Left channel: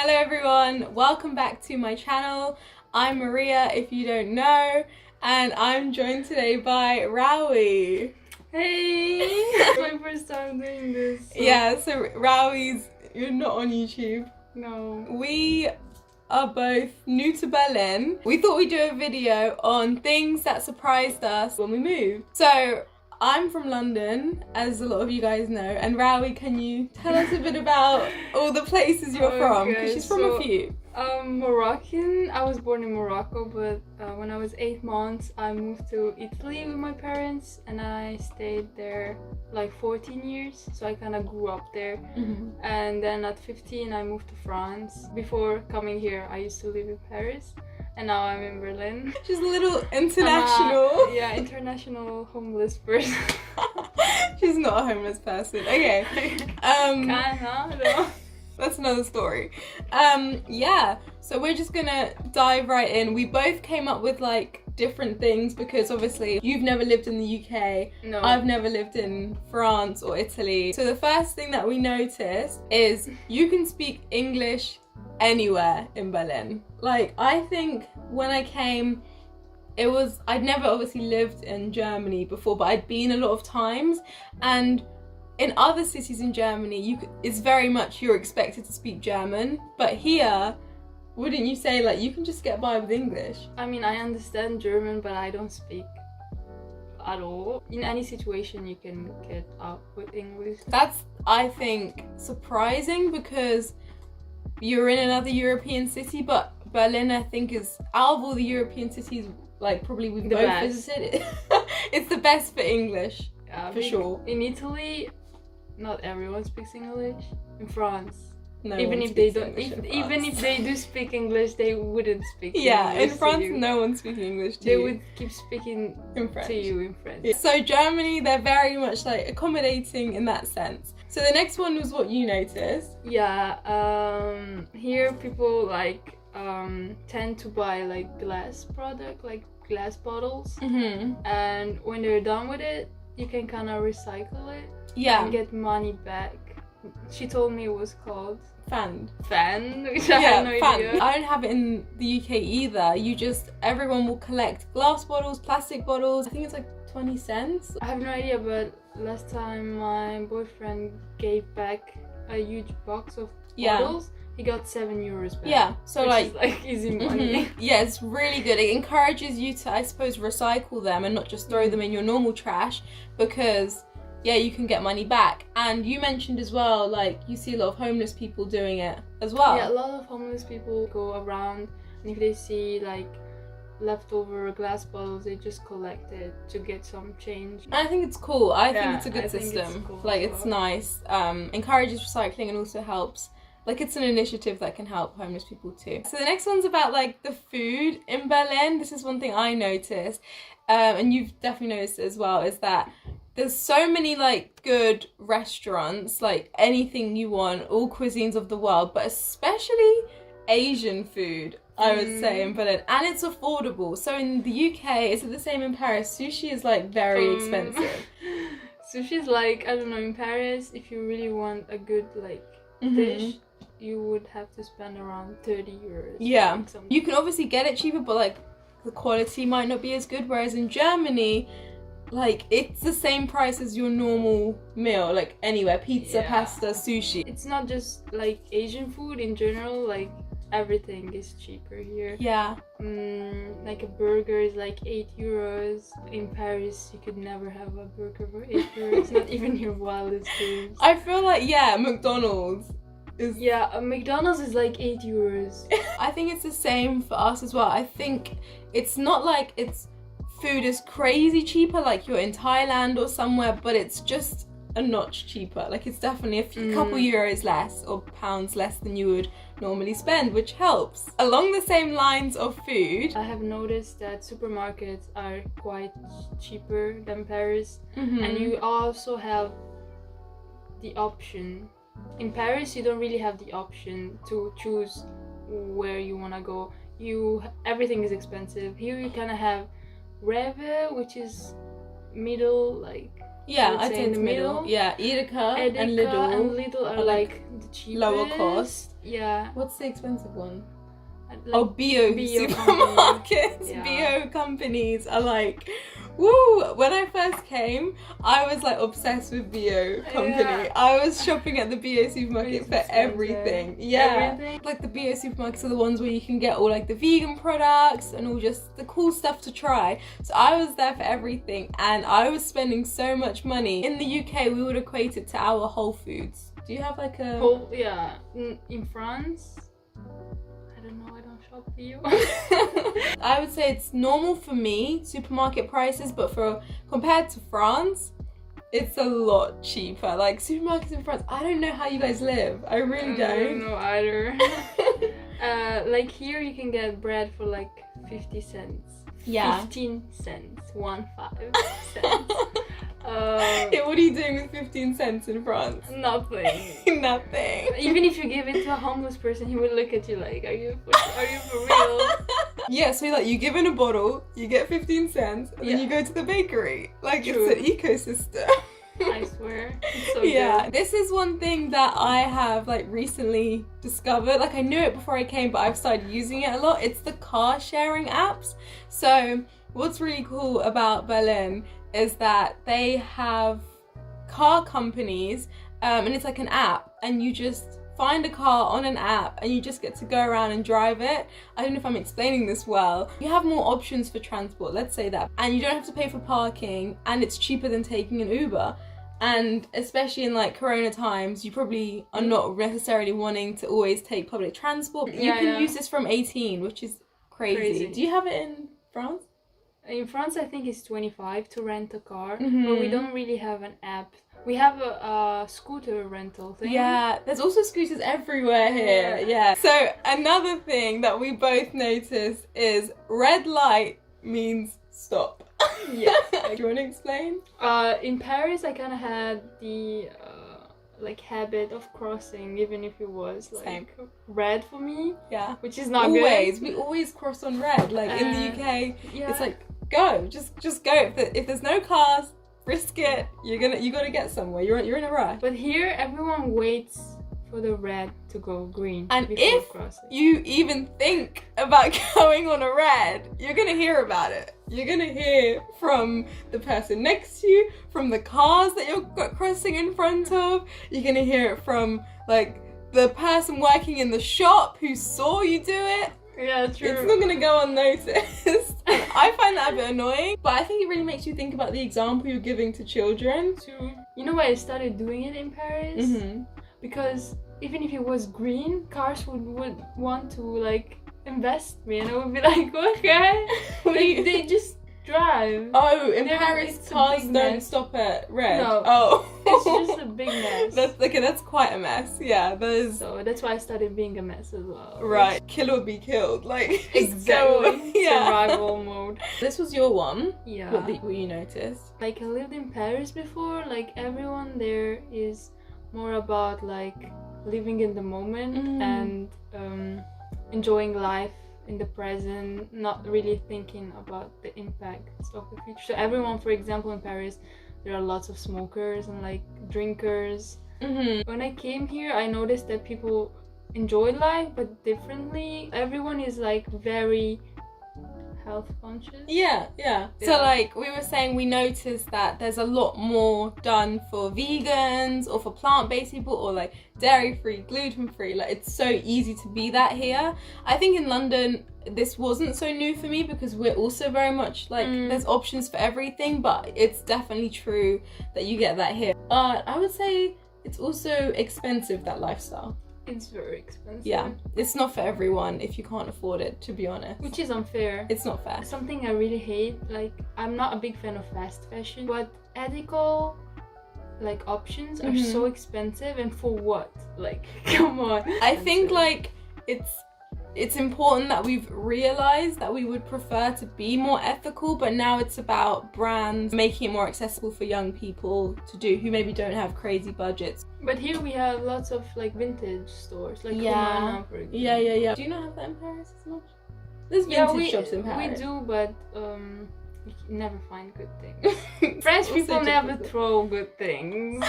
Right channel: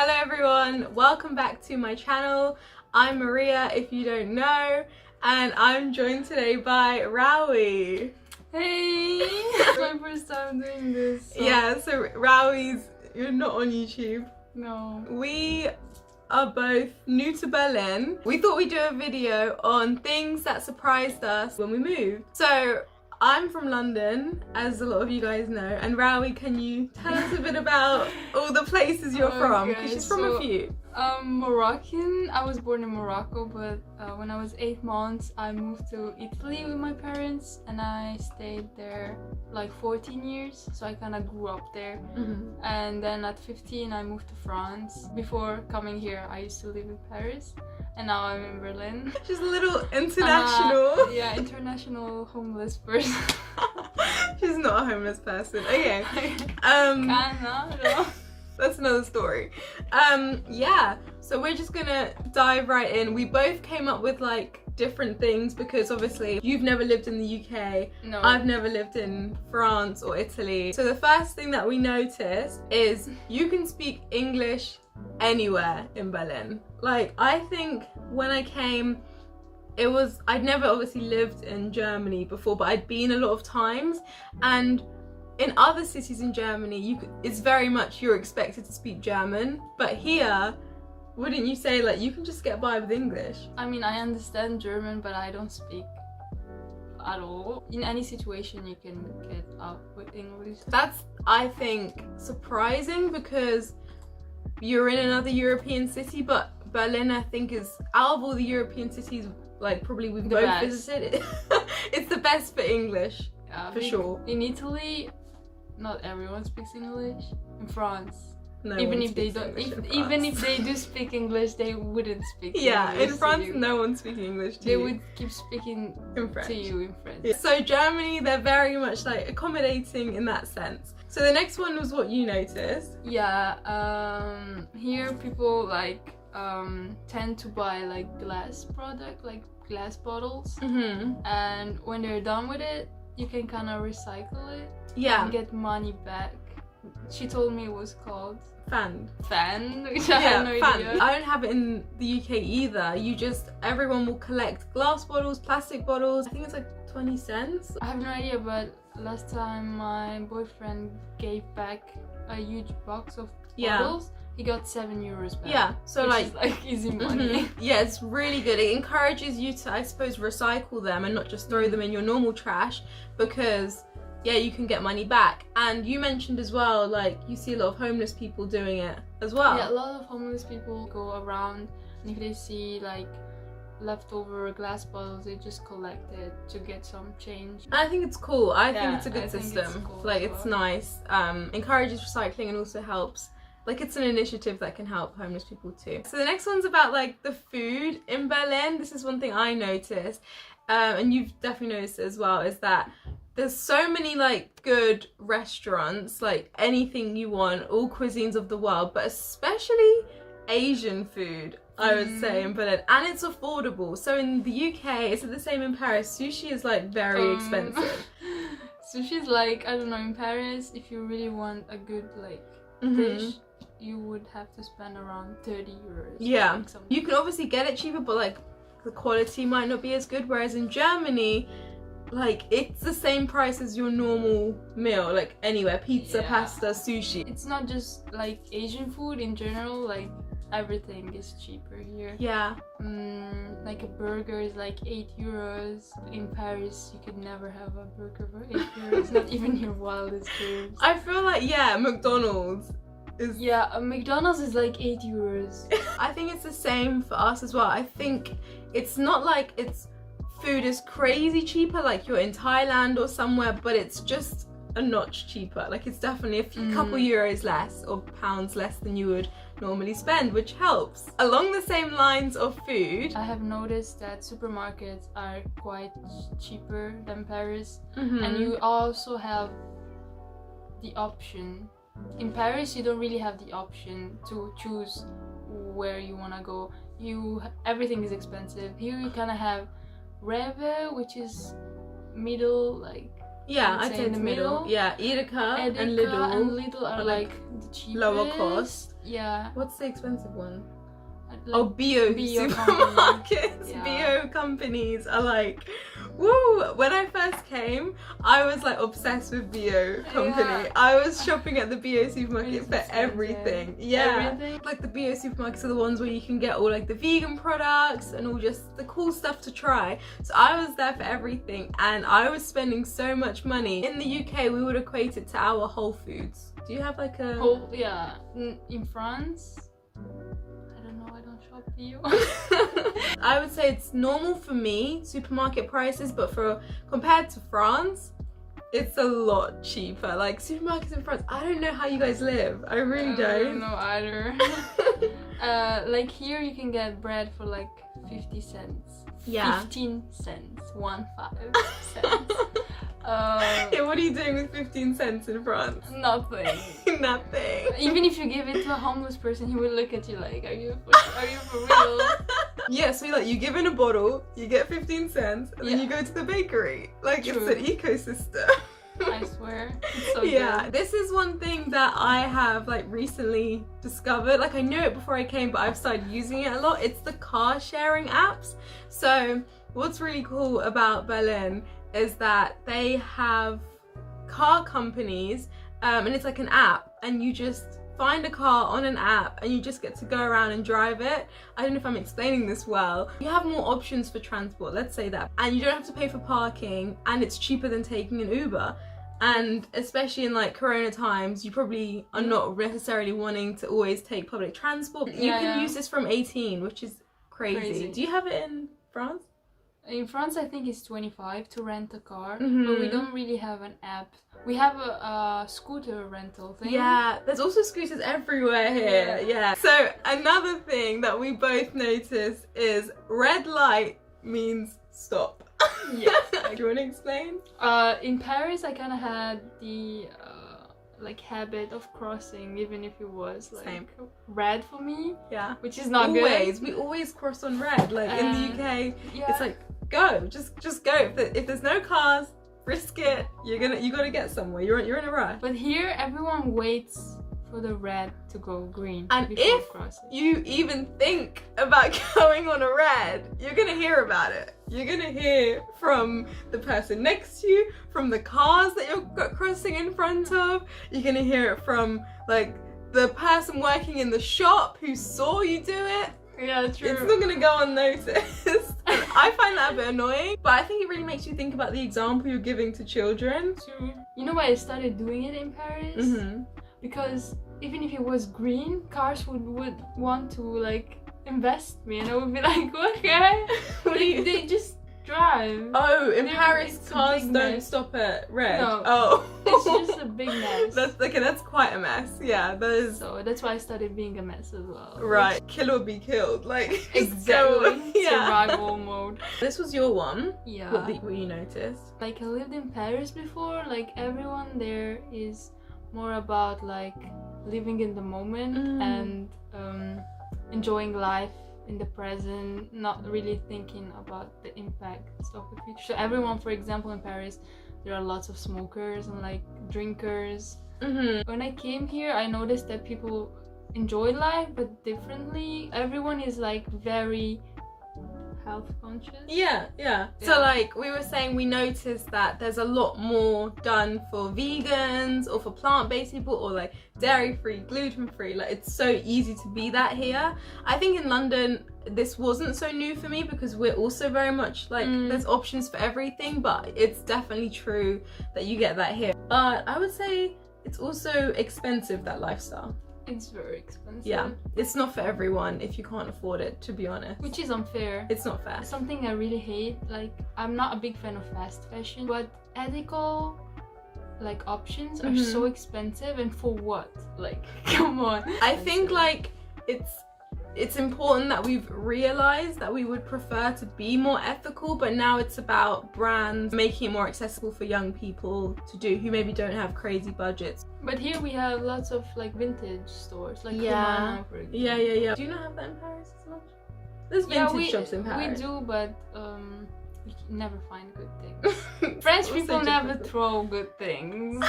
Hello everyone, welcome back to my channel. I'm Maria, if you don't know, and I'm joined today by Rawi. Hey! It's my first time doing this. Yeah, so Rawi's, you're not on YouTube. No. We are both new to Berlin. We thought we'd do a video on things that surprised us when we moved. So I'm from London, as a lot of you guys know, and Rawi, can you tell us a bit about all the places you're from? Because she's from a few. Moroccan. I was born in Morocco, but when I was 8 months, I moved to Italy with my parents, and I stayed there like 14 years. So I kind of grew up there. And then at 15, I moved to France. Before coming here, I used to live in Paris. And now I'm in Berlin. She's a little international. Yeah, international homeless person. She's not a homeless person. Okay. No. That's another story. Yeah. So we're just gonna dive right in. We both came up with like different things because obviously you've never lived in the UK. No. I've never lived in France or Italy. So the first thing that we noticed is you can speak English anywhere in Berlin. Like, I think when I came, I'd never obviously lived in Germany before, but I'd been a lot of times, and in other cities in Germany it's very much you're expected to speak German, but here, wouldn't you say like you can just get by with English? I mean, I understand German, but I don't speak at all. In any situation you can get out with English. That's, I think, surprising because you're in another European city, but Berlin, I think, is, out of all the European cities, like probably we've both visited, it's the best for English, for sure. In Italy, not everyone speaks English. In France, no even one if they speaks don't, English even if they do speak English, they wouldn't speak. Yeah, English in France, to you. no one speaks English to They you. would keep speaking in French. to you in French. Yeah. So Germany, they're very much like accommodating in that sense. So the next one was what you noticed. Yeah, here people like tend to buy like glass product, like glass bottles, and when they're done with it, you can kind of recycle it. Yeah. And get money back. She told me it was called Fan, which I had no idea. I don't have it in the UK either. Everyone will collect glass bottles, plastic bottles. I think it's like 20 cents. I have no idea, but last time my boyfriend gave back a huge box of bottles, he got €7 back. Yeah, so which is like easy money. Yeah, it's really good. It encourages you to, I suppose, recycle them and not just throw them in your normal trash, because yeah, you can get money back. And you mentioned as well, like, you see a lot of homeless people doing it as well. Yeah, a lot of homeless people go around, and if they see like leftover glass bottles, they just collect it to get some change. And I think it's cool. I think it's a good system. It's cool, like, it's nice. Encourages recycling and also helps. Like, it's an initiative that can help homeless people too. So the next one's about like the food in Berlin. This is one thing I noticed, and you've definitely noticed it as well, is that there's so many like good restaurants, like anything you want, all cuisines of the world, but especially Asian food, I would say, in Berlin, and it's affordable. So in the UK, is it the same in Paris? Sushi is like very expensive. Sushi is like, I don't know, in Paris, if you really want a good like dish, you would have to spend around €30. Yeah, like you can obviously get it cheaper, but like the quality might not be as good. Whereas in Germany, like, it's the same price as your normal meal, like anywhere, pizza, pasta, sushi. It's not just like Asian food in general, like everything is cheaper here. Yeah. Like a burger is like €8. In Paris, you could never have a burger for €8, not even your wildest dreams. I feel like, yeah, McDonald's is... Yeah, a McDonald's is like €8. I think it's the same for us as well. I think it's not like food is crazy cheaper like you're in Thailand or somewhere, but it's just a notch cheaper. Like, it's definitely a couple euros less or pounds less than you would normally spend, which helps. Along the same lines of food, I have noticed that supermarkets are quite cheaper than Paris, and you also have the option. In Paris, you don't really have the option to choose where you want to go. Everything is expensive. Here you kind of have Rawi, which is middle, like Yeah, would I'd say say in the it's middle. Yeah, Edeka and Edeka and Lidl Lidl are are, like the cheapest. lower cost. Yeah. What's the expensive one? Like Bio supermarkets. Yeah. Bio companies are like, woo! When I first came, I was like obsessed with Bio company. Yeah. I was shopping at the Bio supermarket It's for expensive. everything. Yeah. Everything. Like the Bio supermarkets are the ones where you can get all like the vegan products and all just the cool stuff to try. So I was there for everything and I was spending so much money. In the UK, we would equate it to our Whole Foods. Do you have like a... Yeah. In France, I don't know, I don't shop for you. I would say it's normal for me, supermarket prices, but compared to France, it's a lot cheaper. Like supermarkets in France, I don't know how you guys live. I really don't. I don't know either. Like here you can get bread for like 50 cents. Yeah. 15 cents. 15 cents. Yeah, what are you doing with 15 cents in France? Nothing. Nothing. Even if you give it to a homeless person, he would look at you like, are you for real? Yeah, so like you give in a bottle, you get 15 cents, and then you go to the bakery. Like True. It's an ecosystem. I swear. It's so Yeah, good. this is one thing that I have like recently discovered. Like I knew it before I came, but I've started using it a lot. It's the car sharing apps. So what's really cool about Berlin is that they have car companies and it's like an app and you just find a car on an app and you just get to go around and drive it. I don't know if I'm explaining this well. You have more options for transport, let's say that, and you don't have to pay for parking and it's cheaper than taking an Uber. And especially in like Corona times, you probably are not necessarily wanting to always take public transport. You can use this from 18, which is crazy. Do you have it in France? In France, I think it's 25 to rent a car, but we don't really have an app. We have a scooter rental thing. Yeah, there's also scooters everywhere here. Yeah. So another thing that we both noticed is red light means stop. Yeah. Do you want to explain? In Paris, I kind of had the like habit of crossing, even if it was like red for me. Yeah. Which is not always. good. We always cross on red. Like in the UK, yeah. it's like go, just go. If there's no cars, risk it. You gotta get somewhere. You're in a rush. But here, everyone waits for the red to go green. And before if crossing. you even think about going on a red, you're gonna hear about it. You're gonna hear from the person next to you, from the cars that you're crossing in front of. You're gonna hear it from like the person working in the shop who saw you do it. Yeah, true. It's not gonna go unnoticed. And I find that a bit annoying, but I think it really makes you think about the example you're giving to children. True. You know why I started doing it in Paris? Because even if it was green, cars would want to like invest me, and I would be like, okay, they just drive. Oh, in Paris, it's a cars big don't mess. stop at red. No. Oh. It's just a big mess. That's quite a mess. Yeah, there's... So that's why I started being a mess as well. Right, kill or be killed. Like, Exactly. yeah. Survival mode. This was your one. Yeah. What you noticed? Like I lived in Paris before. Like everyone there is more about like living in the moment and enjoying life in the present, not really thinking about the impacts of the future. So everyone, for example, in Paris, there are lots of smokers and like drinkers. When I came here, I noticed that people enjoy life but differently. Everyone is like very health conscious. Yeah. So like we were saying, we noticed that there's a lot more done for vegans or for plant-based people or like dairy-free, gluten-free. Like it's so easy to be that here. I think in London this wasn't so new for me because we're also very much like there's options for everything, but it's definitely true that you get that here. But I would say it's also expensive, that lifestyle. It's very expensive. Yeah, it's not for everyone if you can't afford it, to be honest. Which is unfair. It's not fair. Something I really hate, like I'm not a big fan of fast fashion, but ethical like options are so expensive, and for what? Like, come on. I think like it's important that we've realized that we would prefer to be more ethical, but now it's about brands making it more accessible for young people to do who maybe don't have crazy budgets. But here we have lots of like vintage stores, like Humana, for example. Yeah. Do you not have that in Paris as much? There's vintage shops in Paris. We do, but you never find good things. French Also people never difficult. throw good things.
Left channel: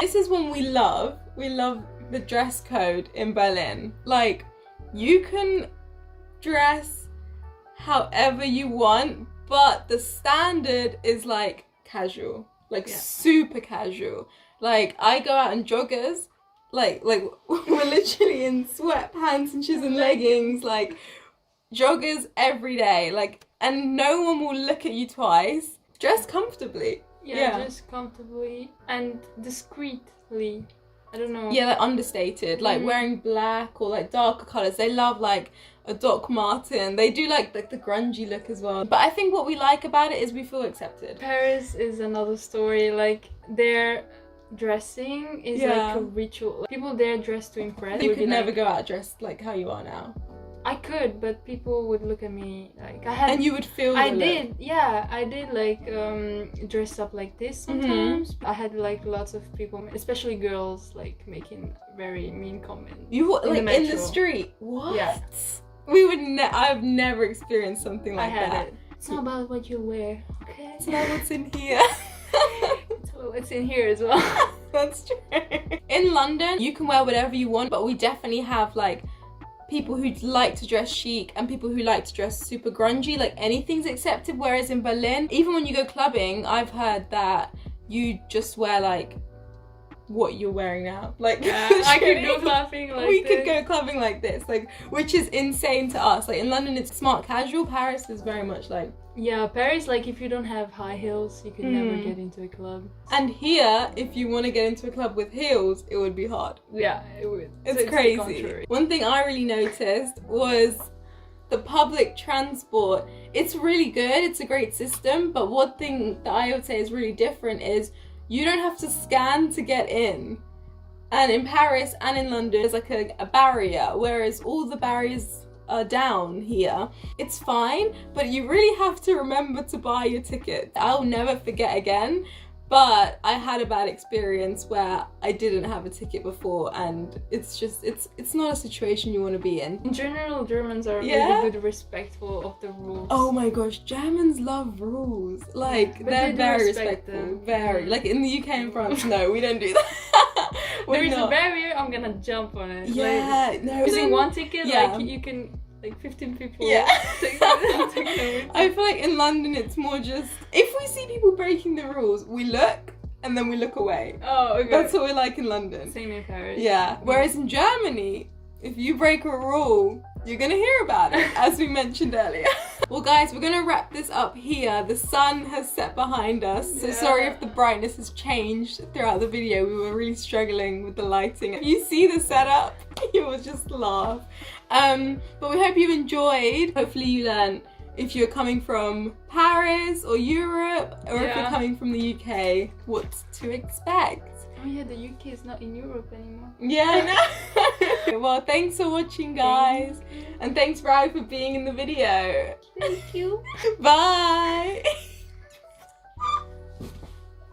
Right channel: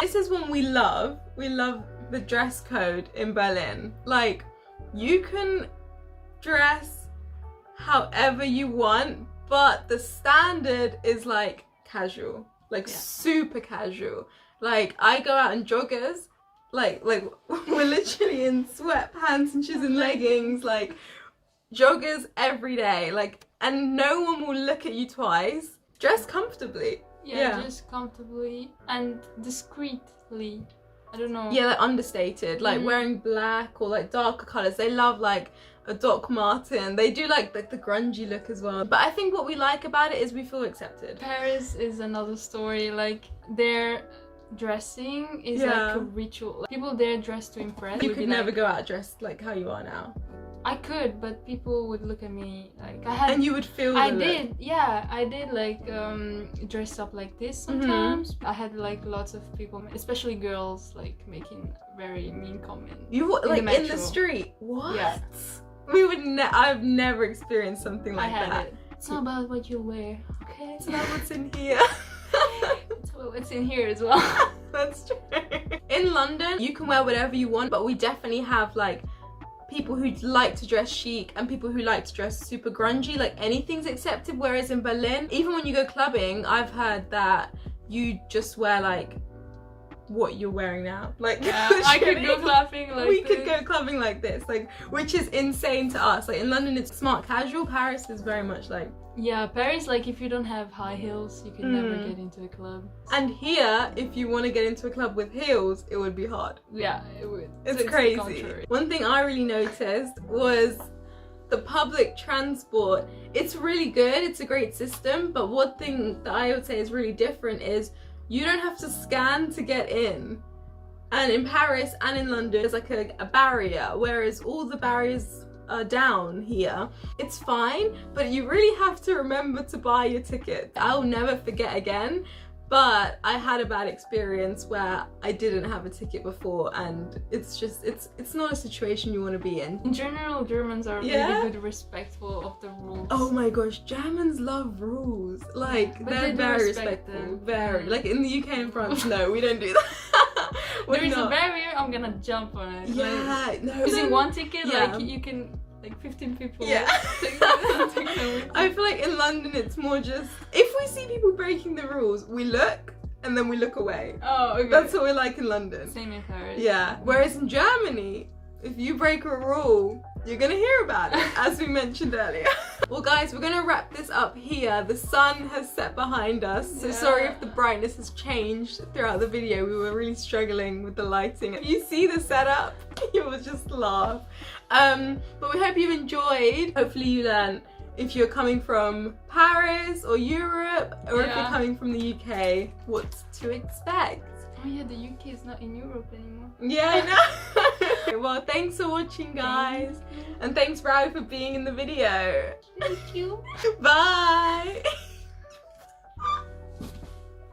This is one we love. We love the dress code in Berlin. Like, you can dress however you want, but the standard is like casual, like super casual. Like, I go out in joggers, like we're literally in sweatpants and shoes and leggings, like joggers every day, like, and no one will look at you twice. Dress comfortably. Yeah, just comfortably and discreetly. I don't know. Yeah, like understated, like wearing black or like darker colours. They love like a Doc Marten. They do like the grungy look as well. But I think what we like about it is we feel accepted. Paris is another story. Like, their dressing is like a ritual. Like, people there dress to impress. You could never go out dressed like how you are now. I could, but people would look at me like I had. And you would feel. I did like dress up like this sometimes. I had like lots of people, especially girls, like making very mean comments. You like in in the street? What? Yeah. We would. I've never experienced something like I had that. it. It's not about what you wear, okay? It's not what's in here. It's about what's in here as well. That's true. In London, you can wear whatever you want, but we definitely have like people who like to dress chic and people who like to dress super grungy. Like, anything's accepted. Whereas in Berlin, even when you go clubbing, I've heard that you just wear like what you're wearing now. Like, I could go clubbing like we this. could go clubbing like this, like, which is insane to us. Like, in London it's smart casual. Paris is very much like, yeah, Paris, like, if you don't have high heels, you could never get into a club. and here, if you want to get into a club with heels, it would be hard. Yeah, it would. It's the crazy. contrary. One thing I really noticed was the public transport. It's really good, it's a great system, but one thing that I would say is really different is you don't have to scan to get in. And in Paris and in London, there's like a barrier, whereas all the barriers are down here. It's fine, but you really have to remember to buy your ticket. I'll never forget again. But I had a bad experience where I didn't have a ticket before, and it's just, it's not a situation you want to be in. In general, Germans are really good, respectful of the rules. Oh my gosh, Germans love rules. Like, but they're they do very respect respectful. them. Very. Like, in the UK and France, no, we don't do that. There is a barrier, I'm gonna jump on it. Yeah, like, no. using one ticket, Yeah. like, you can, like, 15 people take I them with feel like in London it's more just, if we see people breaking the rules, we look and then we look away. Oh, okay. That's what we're like in London. Same in Paris. Yeah. Whereas in Germany, if you break a rule, you're gonna hear about it, as we mentioned earlier. Well guys, we're gonna wrap this up here. The sun has set behind us, so sorry if the brightness has changed throughout the video. We were really struggling with the lighting. If you see the setup, you will just laugh. But we hope you enjoyed. Hopefully you learned if you're coming from Paris or Europe, or if you're coming from the UK, what to expect. Oh yeah, the UK is not in Europe anymore. Yeah, I know. Well, thanks for watching, guys. And thanks, Rawi, for being in the video. Thank you. Bye.